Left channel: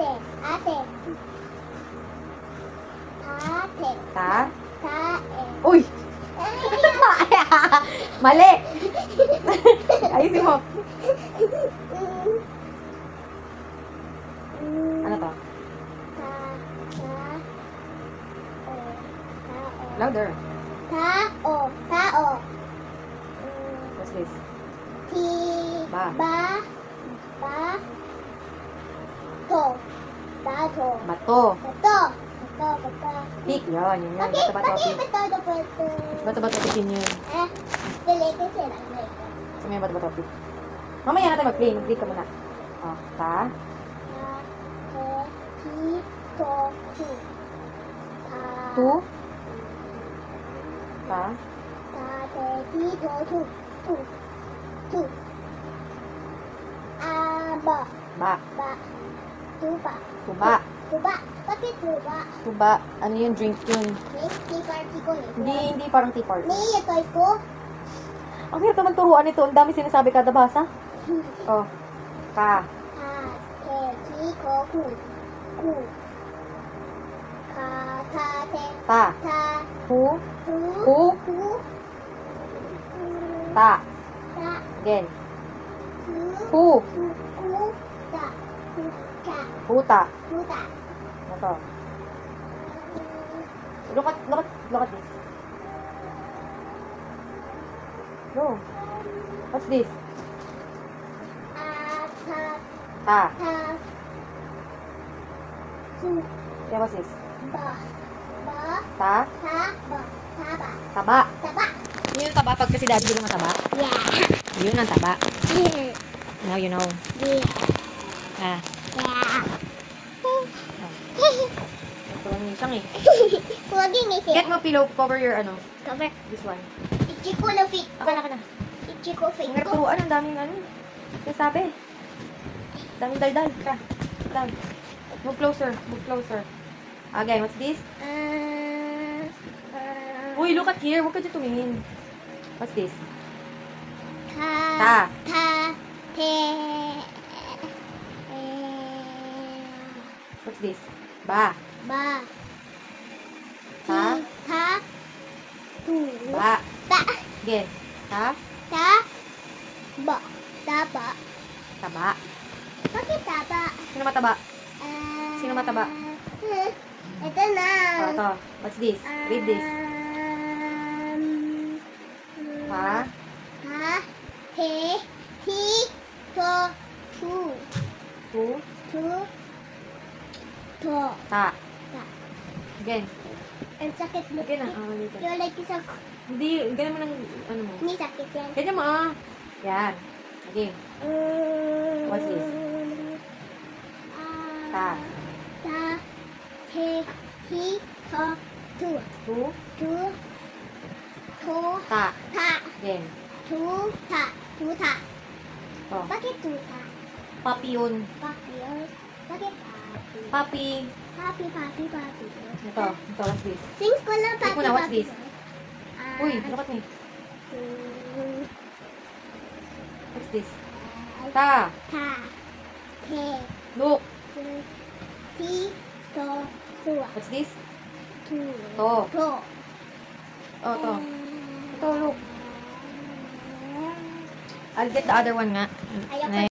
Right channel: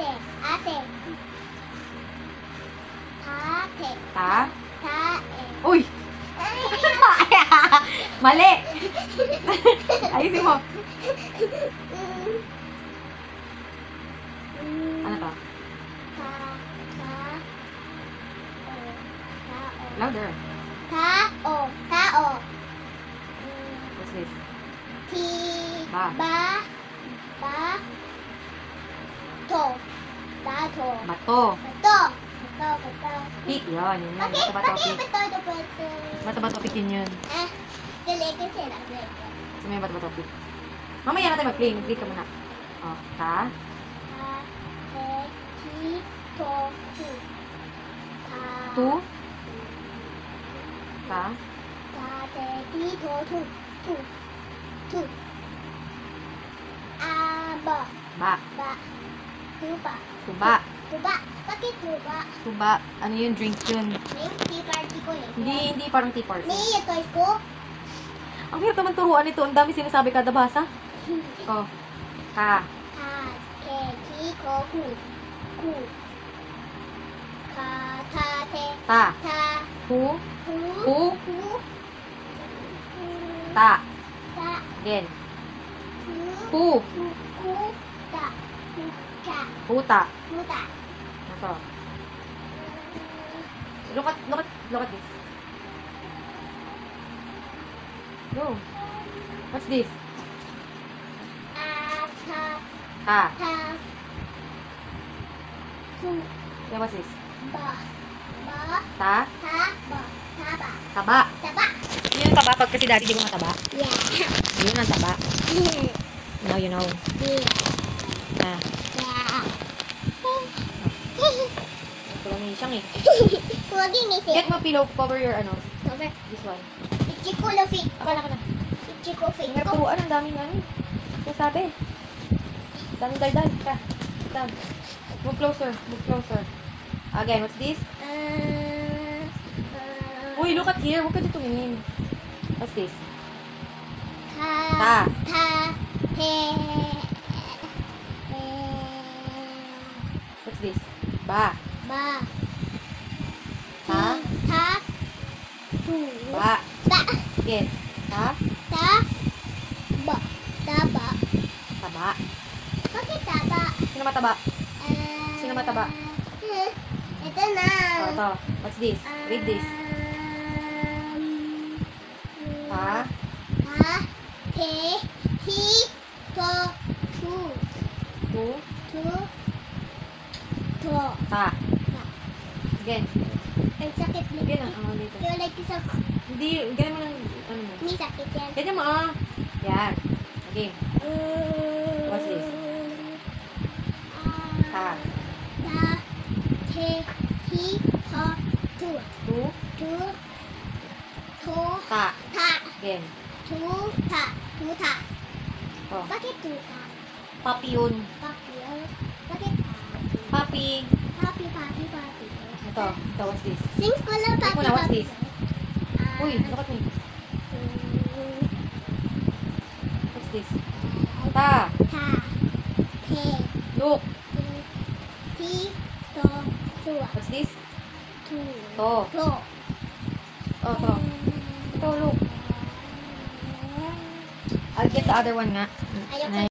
Ate. Ate. Tate. Ta? Tae. Uy! Mali! Ayusin mo. Ano to? Louder. Tao. Tao. What's this? Ti. Ba. Ba. Ba. To. Tato. Bato. Bato. Bato. Bato. Pik. Yun. Yun. Bakit? Bato-bato. Bakit Pik. bato? Bato. Bato-bato pikin yun. Dali kasi lang. Sa may bato-bato pik. Mamaya natin mag-play. Mag-play ka muna. Oh. Ta. Tu. Ta. Ba. Tuba. Bakit tuba? Tuba. Ano yun? Drink yun. Tea party ko eh. Hindi parang tea party. May toys ko. Ang hirap naman turuan ito. Ang dami sinasabi kada basa. Oh. Ka. Ku. Ka, ta, te. Ta. Ta. Hu. Hu. Hu. Hu. Ta. Ta. Again. Hu. Hu. Ku. Ta. Hu. Ta. Huta. Huta. Ano to? Look at this. Go. What's this? Ta. Ta. Ta. Hu. Yeah, what's this? Ba. Ba. Ta. Ta. Ba. Taba. Taba. Taba. Yun yung taba. Pag kasi daddy, di mo na taba. Yeah. Yun ang taba. Yeah. Now you know. Yeah. Ah. Yeah. Ito lang yung isang eh. Huwag yung isi. Get mo pillow. Cover your ano. Cover. This one. Ichi ko na fit. Aka na. Ichi ko fit Ang hirap ko. turuan. Ang daming ano eh. Sasabi. Daming daldal. Dal. Move closer. Move closer. Again, what's this? Uy, look at here. Huwag ka dito tumingin. What's this? Ta. Ta. Te. What's this? Ba. Ba. Ta. Ta. Tu. Ba. Ba. Again. Ta. Ta. Ba. Taba. Taba. Bakit taba? Sino mataba? Sino mataba? Ito na. Ito. What's this? Read this. Ta. Ta. Te. Ti. To. Tu. Tu. Tu. To. Ta. Ta. Again. Ang sakit na. Again ah. Oh, dito. Yung like isang Hindi. Ganyan mo ng ano mo. may sakit yan. Ganyan mo ah. Yan. Again. What's this? Ta. Ta. Te. Ti. To. Tu. Tu. Tu. To. Ta. Ta. Again. Tu. Ta. Tu. Ta. Oh. Bakit tu. Ta? Papi yun. Papi. Bakit papi? Papi. Papi, papi, papi. Ito. Ito. What's this? Sing ko lang Wait papi, muna, what's papi. this? Uy, look at me. What's this? Ta. Ta. Te. Look. Ti. To. Tu. What's this? Tu. To. To. Oh, to. Ito, look. I'll get the other one nga. Ayoko. Na